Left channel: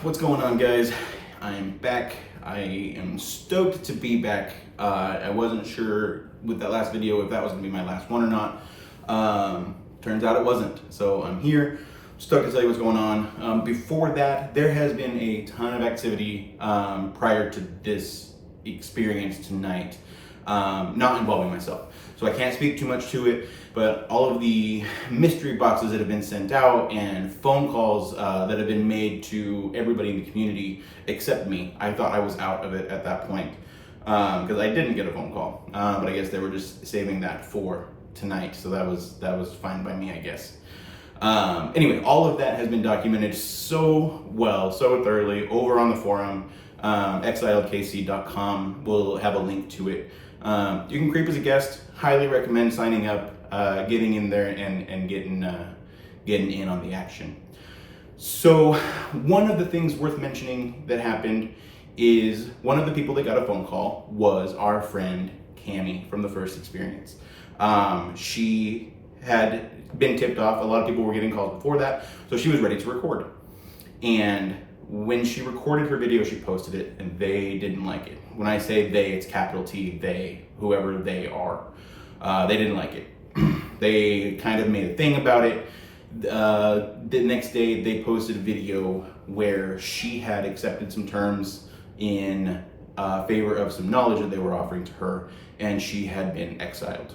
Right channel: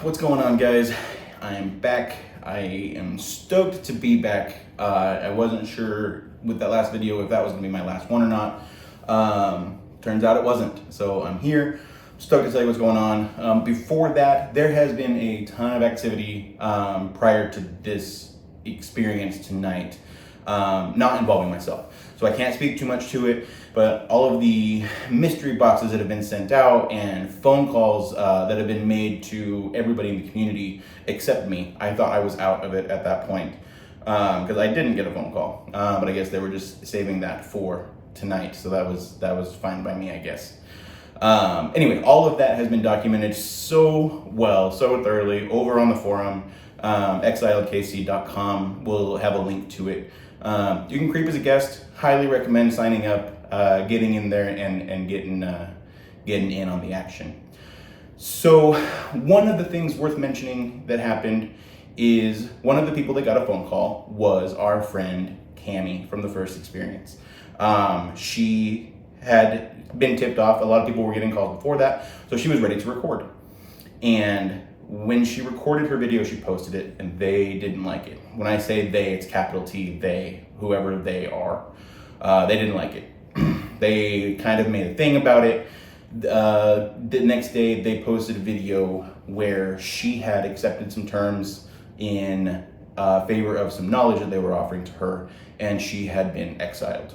What's going on, guys? I am back. I am stoked to be back. I wasn't sure with that last video if that was gonna be my last one or not. Turns out it wasn't. So I'm here, stoked to tell you what's going on. Before that, there has been a ton of activity prior to this experience tonight, not involving myself. So I can't speak too much to it, but all of the mystery boxes that have been sent out and phone calls that have been made to everybody in the community except me. I thought I was out of it at that point because I didn't get a phone call, but I guess they were just saving that for tonight. So that was fine by me, I guess. Anyway, all of that has been documented so well, so thoroughly over on the forum. Exiledkc.com will have a link to it. You can creep as a guest. Highly recommend signing up, getting in there and getting in on the action. So one of the things worth mentioning that happened is one of the people that got a phone call was our friend Cami from the first experience. She had been tipped off. A lot of people were getting calls before that, so she was ready to record. And when she recorded her video, she posted it, and they didn't like it. When I say they, it's capital T, they, whoever they are. They didn't like it. They kind of made a thing about it. The next day, they posted a video where she had accepted some terms in favor of some knowledge that they were offering to her, and she had been exiled.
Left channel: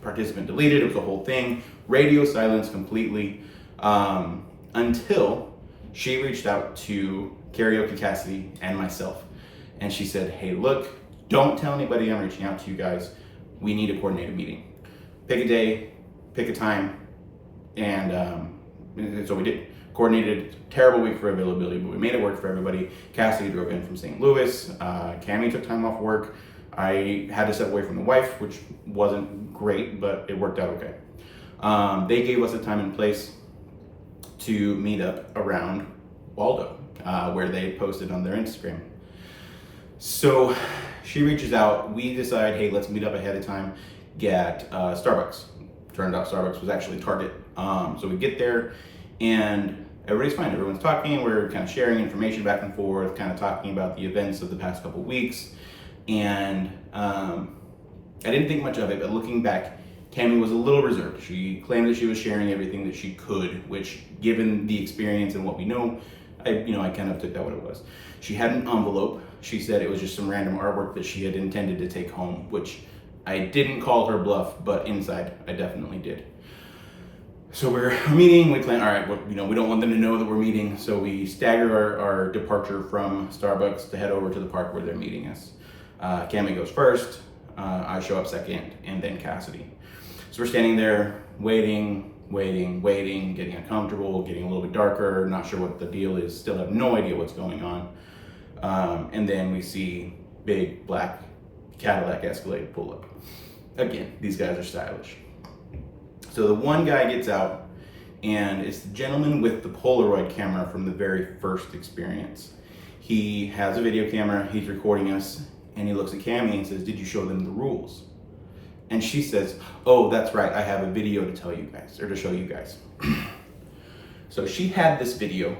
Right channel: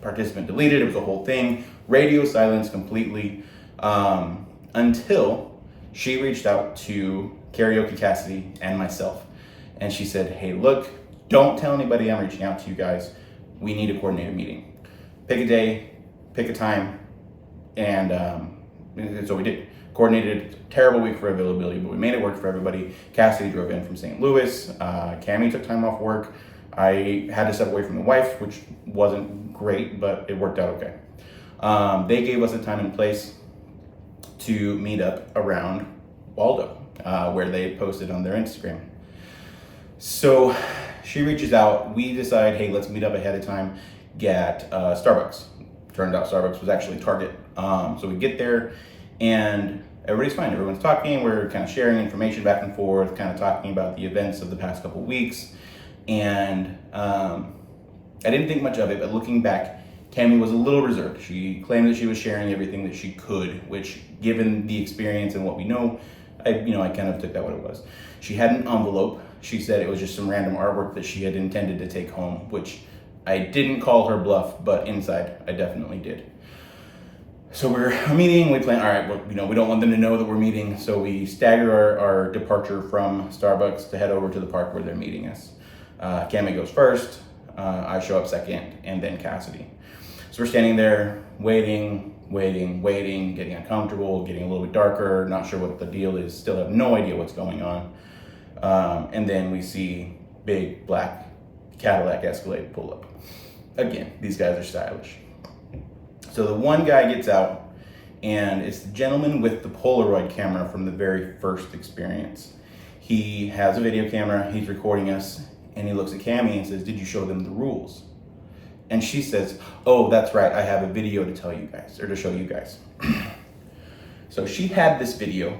Participant deleted, it was a whole thing. Radio silence completely, until she reached out to Karaoke Cassidy and myself, and she said, hey, look, don't tell anybody I'm reaching out to you guys. We need to coordinate a meeting. Pick a day, pick a time, and so we did. Coordinated. Terrible week for availability, but we made it work for everybody. Cassidy drove in from St. Louis. Cami took time off work. I had to step away from the wife, which wasn't great, but it worked out okay. They gave us a time and place to meet up around Waldo, where they posted on their Instagram. So she reaches out, we decide, hey, let's meet up ahead of time, get Starbucks. Turned out Starbucks was actually Target. So we get there and everybody's fine. Everyone's talking, we're kind of sharing information back and forth, kind of talking about the events of the past couple weeks. And I didn't think much of it, but looking back, Cami was a little reserved. She claimed that she was sharing everything that she could, which, given the experience and what we know, I kind of took that what it was. She had an envelope. She said it was just some random artwork that she had intended to take home, which I didn't call her bluff, but inside I definitely did. So we're meeting, we plan, all right, well, we don't want them to know that we're meeting, so we stagger our departure from Starbucks to head over to the park where they're meeting us. Cami goes first, I show up second, and then Cassidy. So we're standing there waiting, getting uncomfortable, getting a little bit darker, not sure what the deal is, still have no idea what's going on. And then we see big black Cadillac Escalade pull up. Again, these guys are stylish. So the one guy gets out, and it's the gentleman with the Polaroid camera from the very first experience. He has a video camera, he's recording us, and he looks at Cami and says, did you show them the rules? And she says, oh, that's right, I have a video to tell you guys, or to show you guys. So she had this video,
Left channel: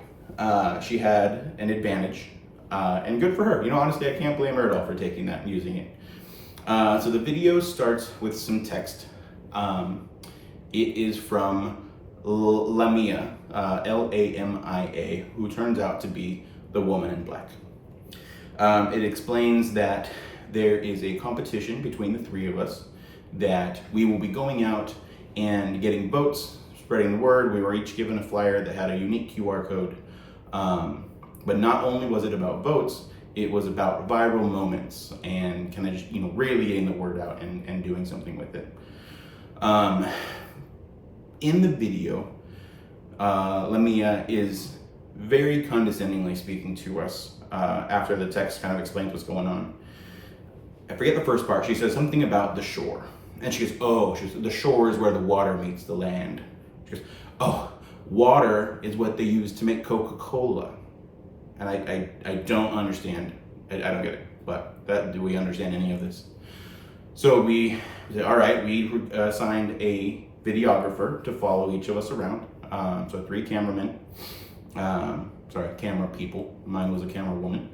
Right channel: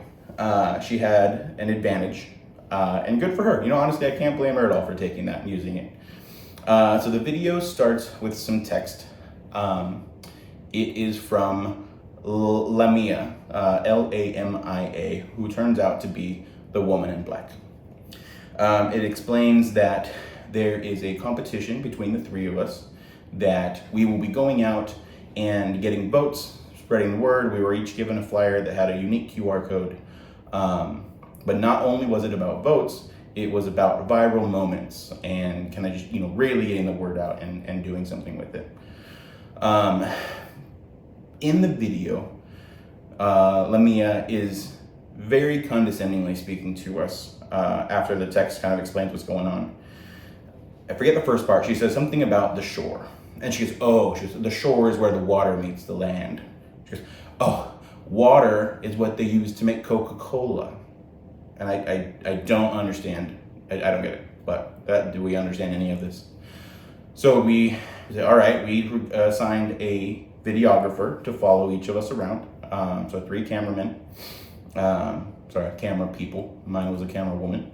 she had an advantage, and good for her. Honestly, I can't blame her at all for taking that and using it. So the video starts with some text. It is from Lamia, Lamia, who turns out to be the woman in black. It explains that there is a competition between the three of us, that we will be going out and getting votes, spreading the word. We were each given a flyer that had a unique QR code. But not only was it about votes, it was about viral moments and kind of just, really getting the word out and doing something with it. In the video, Lamia is very condescendingly speaking to us after the text kind of explains what's going on. I forget the first part. She says something about the shore. And she goes, the shore is where the water meets the land. She goes, oh, water is what they use to make Coca-Cola. And I don't understand. I don't get it. But do we understand any of this? So we said, all right, we assigned a videographer to follow each of us around. So 3 cameramen. camera people. Mine was a camera woman.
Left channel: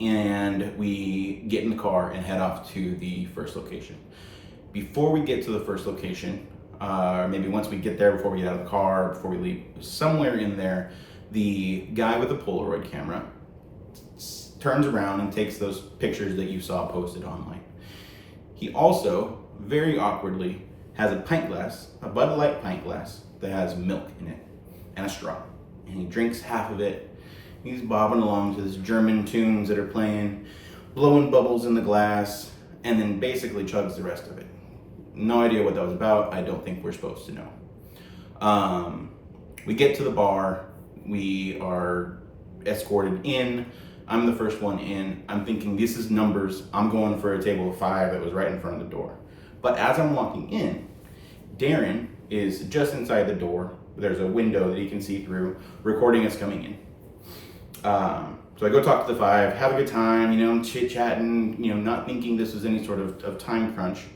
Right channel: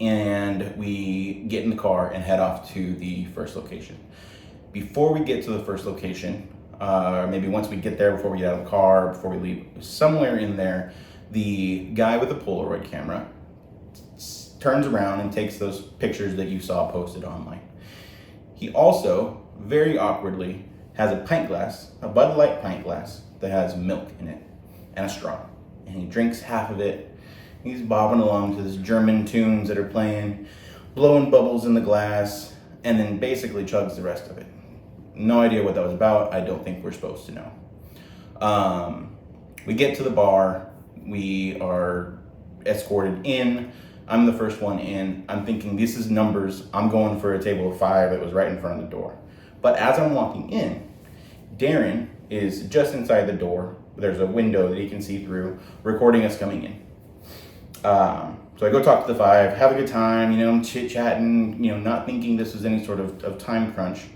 And we get in the car and head off to the first location. Before we get to the first location, maybe once we get there, before we get out of the car, before we leave, somewhere in there, the guy with the Polaroid camera turns around and takes those pictures that you saw posted online. He also, very awkwardly, has a pint glass, a Bud Light pint glass that has milk in it and a straw. And he drinks half of it. He's bobbing along to this German tunes that are playing, blowing bubbles in the glass, and then basically chugs the rest of it. No idea what that was about. I don't think we're supposed to know. We get to the bar. We are escorted in. I'm the first one in. I'm thinking, this is numbers. I'm going for a table of 5 that was right in front of the door. But as I'm walking in, Darren is just inside the door. There's a window that he can see through, recording us coming in. So I go talk to the 5, have a good time, I'm chit-chatting, not thinking this was any sort of time crunch.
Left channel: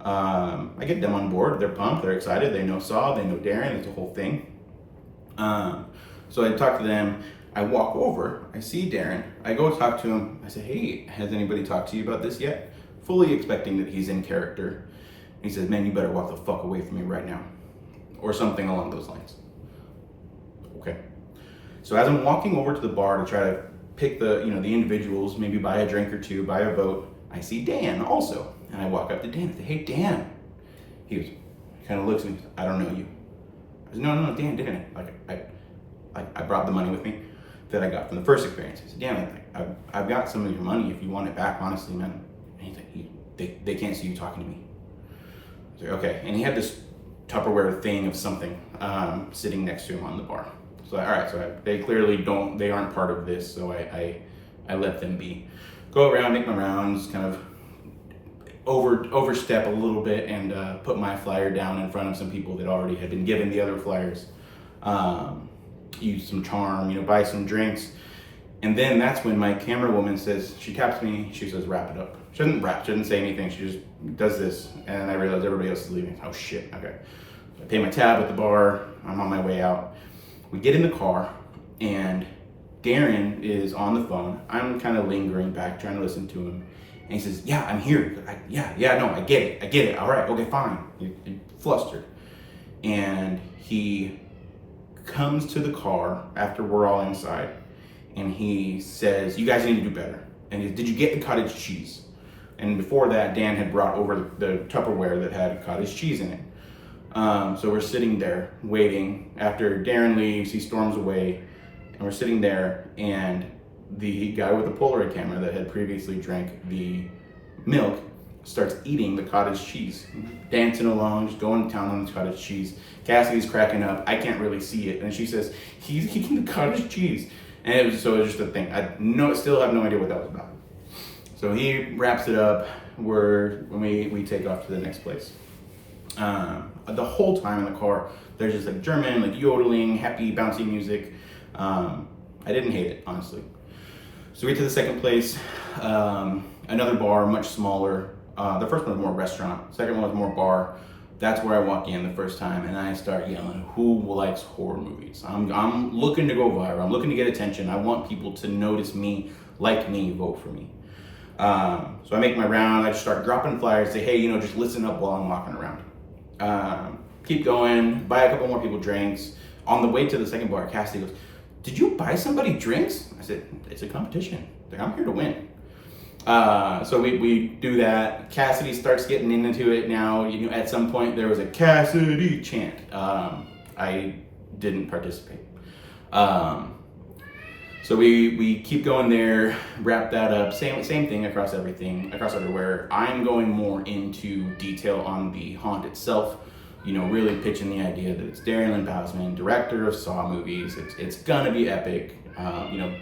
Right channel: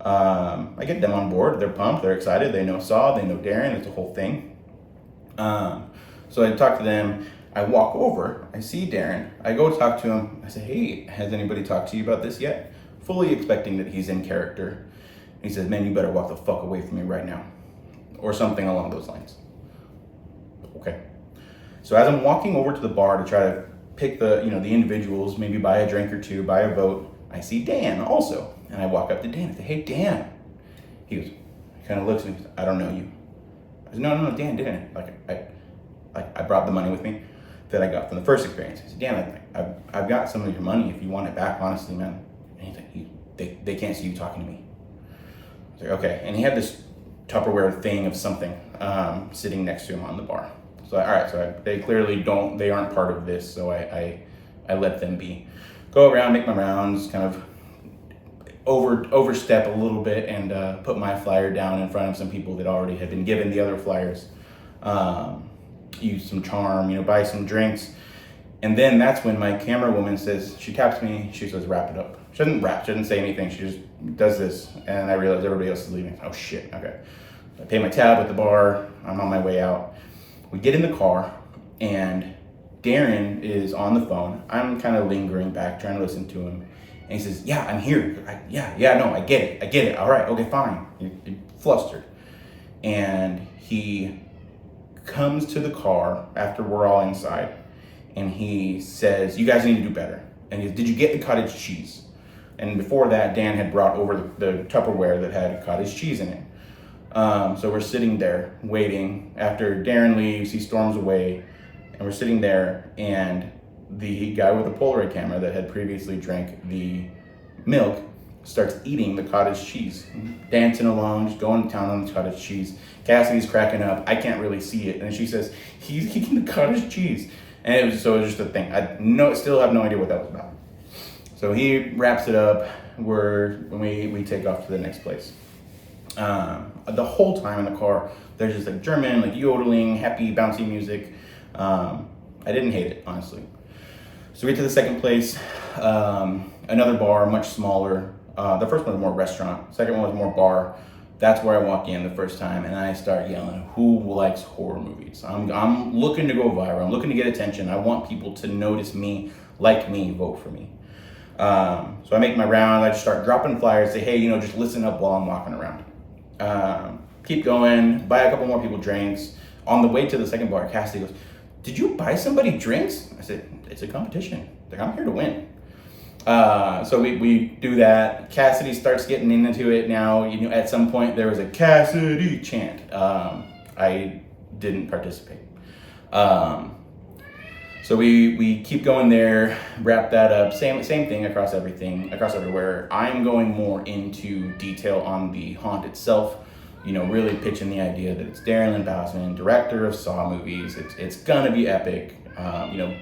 I get them on board. They're pumped, they're excited, they know Saw, they know Darren, it's a whole thing. So I talk to them, I walk over, I see Darren, I go talk to him, I say, hey, has anybody talked to you about this yet? Fully expecting that he's in character. He says, man, you better walk the fuck away from me right now. Or something along those lines. Okay. So as I'm walking over to the bar to try to pick the individuals, maybe buy a drink or two, buy a vote, I see Dan also. And I walk up to Dan and say, hey, Dan. He kind of looks at me, I don't know you. I said, no, Dan. I brought the money with me that I got from the first experience. I said, Dan, I've got some of your money if you want it back, honestly, man. And he's like, they can't see you talking to me. I was like, okay. And he had this Tupperware thing of something sitting next to him on the bar. So, all right, so they clearly they aren't part of this, so I let them be. Go around, make my rounds, kind of overstep a little bit and put my flyer down in front of some people that already had been given the other flyers. Use some charm, buy some drinks. And then that's when my camera woman says, she taps me, she says, wrap it up. She doesn't rap, she doesn't say anything, she just does this. And I realize everybody else is leaving. Oh shit, okay. So I pay my tab at the bar, I'm on my way out. We get in the car and Darren is on the phone. I'm kind of lingering back, trying to listen to him. And he says, yeah, I'm here. I get it. All right, okay, fine. You're flustered. And he comes to the car after we're all inside and he says, you guys need to do better. And he says, did you get the cottage cheese? And before that, Dan had brought over the Tupperware that had cottage cheese in it. So we're sitting there waiting. After Darren leaves, he storms away, and we're sitting there, and the guy with the Polaroid camera that had previously drank the milk starts eating the cottage cheese, dancing along, just going to town on the cottage cheese. Cassidy's cracking up. I can't really see it, and she says, he's eating the cottage cheese. And it was just a thing. I still have no idea what that was about. So he wraps it up. We take off to the next place. The whole time in the car, there's just like German, like yodeling, happy, bouncy music. I didn't hate it, honestly. So we get to the second place, another bar, much smaller. The first one was more restaurant. Second one was more bar. That's where I walk in the first time and I start yelling, who likes horror movies? I'm looking to go viral. I'm looking to get attention. I want people to notice me, like me, vote for me. So I make my rounds. I just start dropping flyers, say, hey, just listen up while I'm walking around. Keep going, buy a couple more people drinks. On the way to the second bar, Cassidy goes, did you buy somebody drinks? I said, it's a competition. Like, I'm here to win. So we do that. Cassidy starts getting into it now. At some point there was a Cassidy chant. I didn't participate. So we keep going there, wrap that up. Same thing across everywhere. I'm going more into detail on the haunt itself. Really pitching the idea that it's Darren Lynn Bousman, director of Saw movies. It's gonna be epic.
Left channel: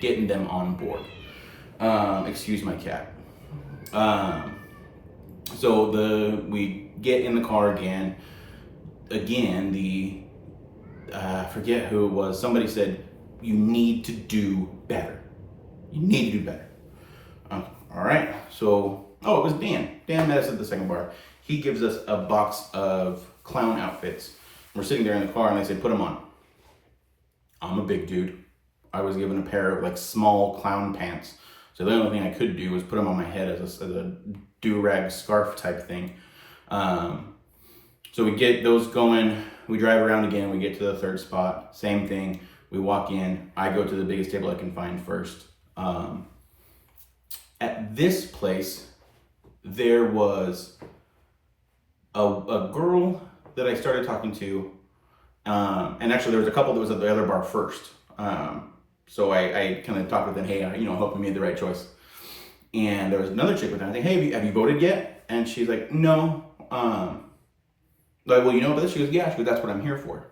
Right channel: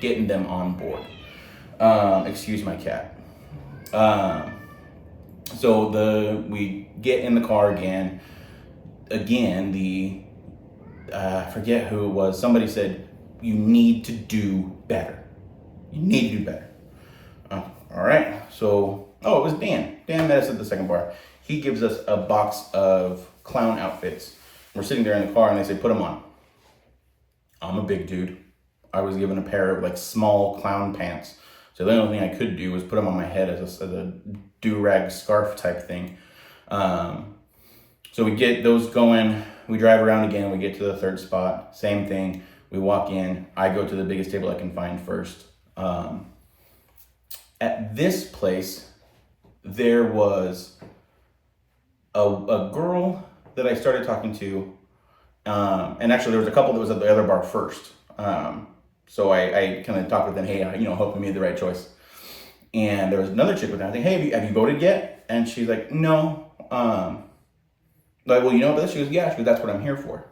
Getting them on board. Excuse my cat. So we get in the car again. I forget who it was. Somebody said, you need to do better. You need to do better. All right. So, it was Dan. Dan met us at the second bar. He gives us a box of clown outfits. We're sitting there in the car and they say, put them on. I'm a big dude. I was given a pair of like small clown pants. So the only thing I could do was put them on my head as a do-rag scarf type thing. Um, so we get those going. We drive around again. We get to the third spot. Same thing. We walk in. I go to the biggest table I can find first. At this place, there was a girl that I started talking to. And actually, there was a couple that was at the other bar first. So I kind of talked with them, hey, hope we made the right choice. And there was another chick with them. I think, hey, have you voted yet? And she's like, no. Like, well, you know about this? She goes, yeah. She goes, that's what I'm here for.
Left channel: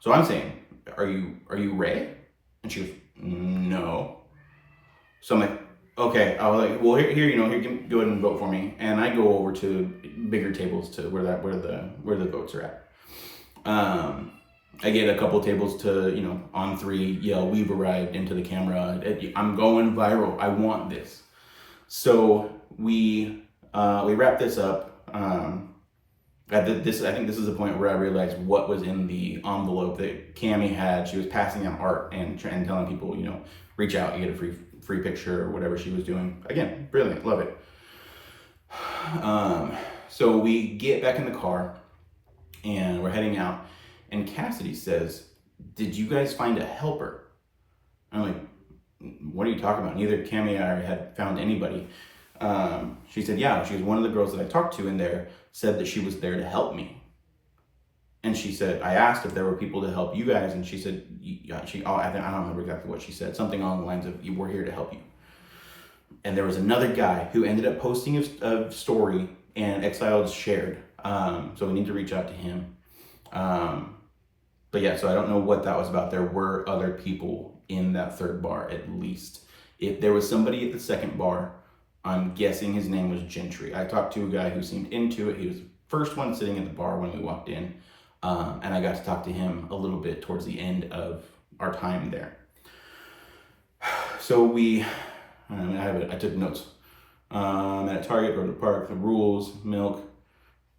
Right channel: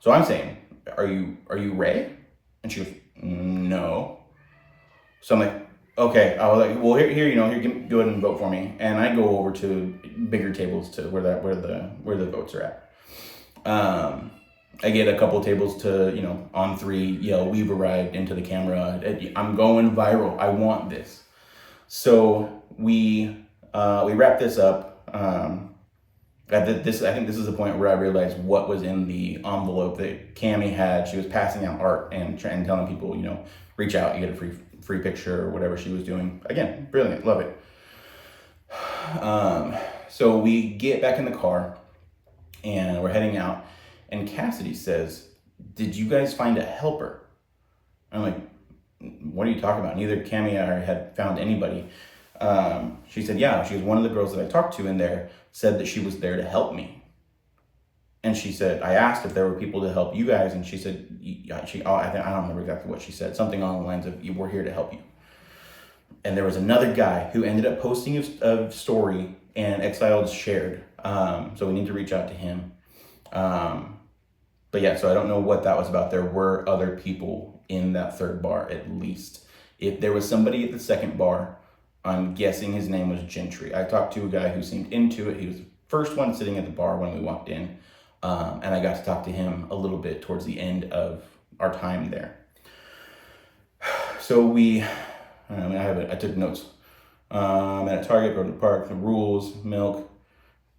So I'm saying, are you Ray? And she goes, no. So I'm like, okay. I was like, well, here, go ahead and vote for me. And I go over to bigger tables to where the votes are at. I get a couple tables to, on 3, yell, we've arrived into the camera. I'm going viral. I want this. So we wrap this up. I think this is the point where I realized what was in the envelope that Cammie had. She was passing out art and telling people, reach out, you get a free picture or whatever she was doing. Again, brilliant, love it. So we get back in the car and we're heading out. And Cassidy says, did you guys find a helper? I'm like, what are you talking about? Neither Cammie or I had found anybody. She said, yeah, she was one of the girls that I talked to in there, said that she was there to help me. And she said, I asked if there were people to help you guys. And she said, I don't remember exactly what she said. Something along the lines of, we're here to help you. And there was another guy who ended up posting a story and Exiled shared. So we need to reach out to him. But yeah, so I don't know what that was about. There were other people in that third bar, at least. If there was somebody at the second bar, I'm guessing his name was Gentry. I talked to a guy who seemed into it. He was the first one sitting at the bar when we walked in. And I got to talk to him a little bit towards the end of our time there. So I took notes. At Target, go to the park, the rules, milk,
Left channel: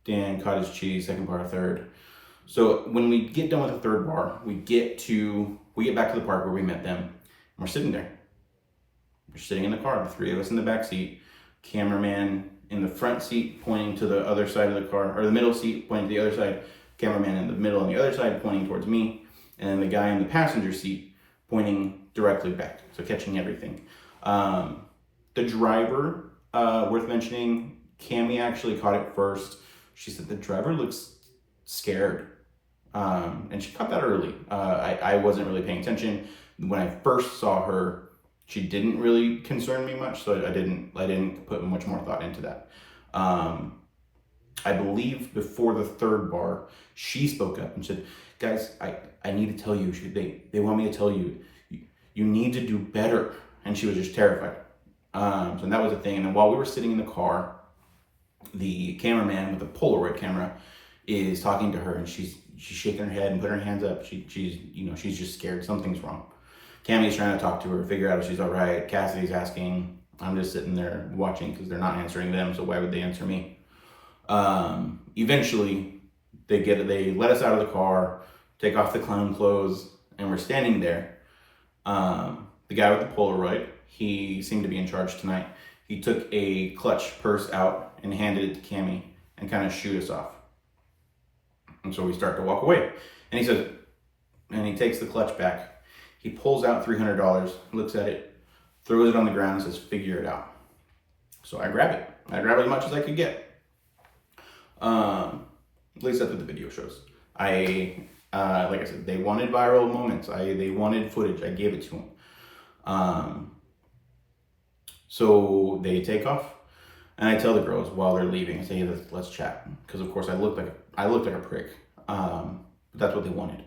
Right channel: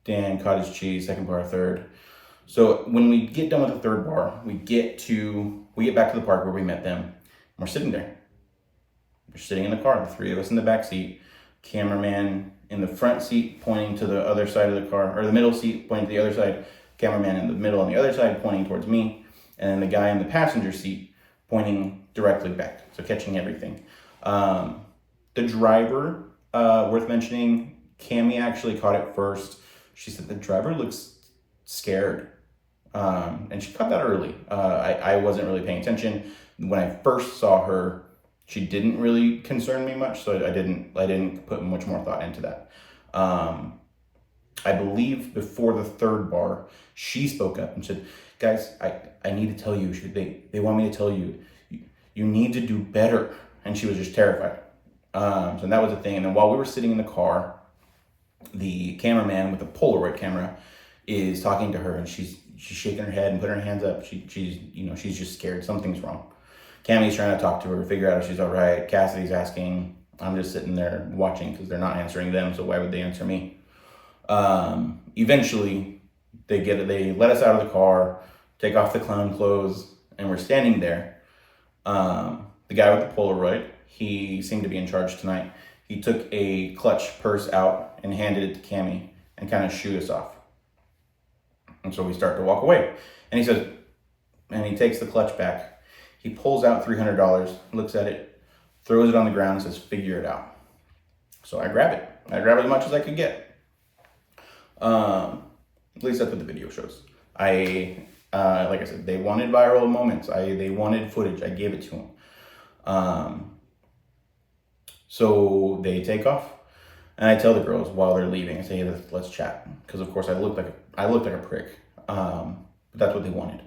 Dan, cottage cheese, second bar, third. So when we get done with the third bar, we get back to the park where we met them. And we're sitting there. We're sitting in the car, the 3 of us in the back seat, cameraman in the front seat pointing to the other side of the car, or the middle seat pointing to the other side, cameraman in the middle on the other side pointing towards me, and then the guy in the passenger seat pointing directly back, so catching everything. The driver, worth mentioning, Cammie actually caught it first. She said the driver looks scared. And she caught that early. I wasn't really paying attention. When I first saw her, she didn't really concern me much, so I didn't put much more thought into that. I believe before the third bar, she spoke up and said, guys, I need to tell you, they want me to tell you, you need to do better. And she was just terrified. So that was the thing. And then while we were sitting in the car, the cameraman with the Polaroid camera is talking to her, and she's shaking her head and putting her hands up. She's just scared. Something's wrong. Cammie's trying to talk to her, figure out if she's all right. Cassidy's asking. I'm just sitting there watching because they're not answering them, so why would they answer me? Eventually, they let us out of the car, take off the clown clothes, and we're standing there. The guy with the Polaroid, he seemed to be in charge tonight. He took a clutch purse out and handed it to Cammie and kind of shooed us off. And so we start to walk away. And he says, and he takes the clutch back. He pulls out $300, looks at it, throws it on the ground and says, figure it out. So I grab it. I grab as much as I could get. At least that's what the video shows. Like I said, they wanted viral moments. They wanted footage. I gave it to them. So they take off. And I tell the girls while they're leaving, I say, hey, let's chat. Because of course I looked like a prick. But that's what they wanted.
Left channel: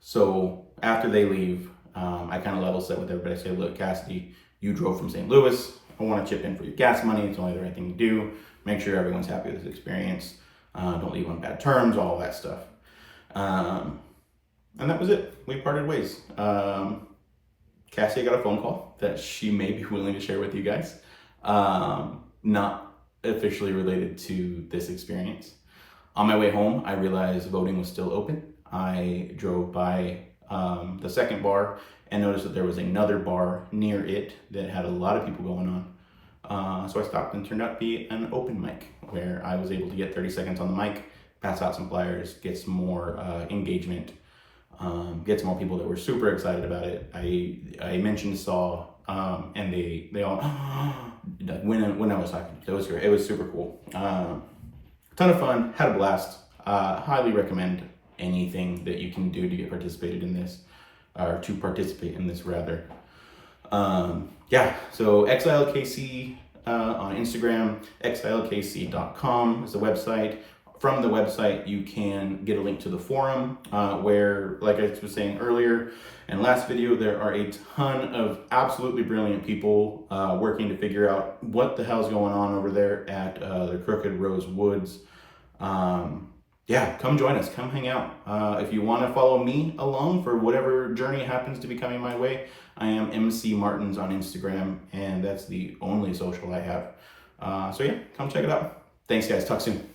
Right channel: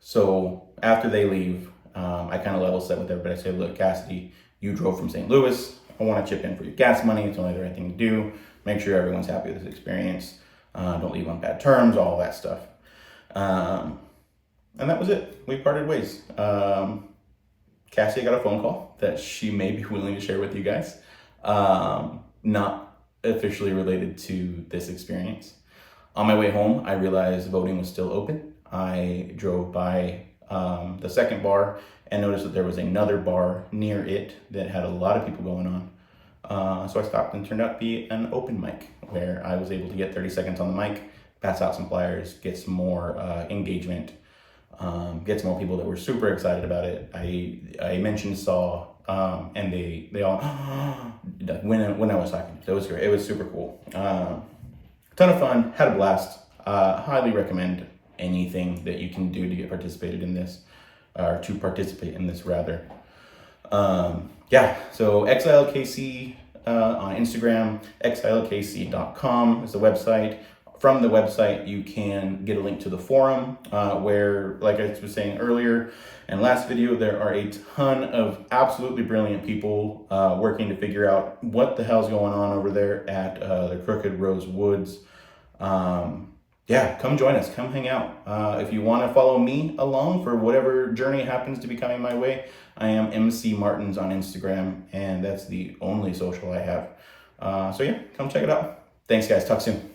So after they leave, I kind of level set with everybody. I say, look, Cassidy, you drove from St. Louis. I want to chip in for your gas money. It's only the right thing to do. Make sure everyone's happy with this experience. Don't leave on bad terms, all that stuff. And that was it. We parted ways. Cassidy got a phone call that she may be willing to share with you guys. Not officially related to this experience. On my way home, I realized voting was still open. I drove by the second bar and noticed that there was another bar near it that had a lot of people going on. So I stopped, and turned out to be an open mic where I was able to get 30 seconds on the mic, pass out some flyers, get some more engagement, get some more people that were super excited about it. I mentioned Saw, and they all when I was talking, it was great. It was super cool. Ton of fun, had a blast. Highly recommend anything that you can do to get participated in this, or to participate in this rather. Yeah, so Exiled KC on Instagram, exiledkc.com is the website. From the website, you can get a link to the forum where, like I was saying earlier in last video, there are a ton of absolutely brilliant people working to figure out what the hell's going on over there at the Crooked Rose Woods. Yeah, come join us, come hang out. If you want to follow me along for whatever journey happens to be coming my way, I am MC Martins on Instagram, and that's the only social I have. So yeah, come check it out. Thanks guys, talk soon.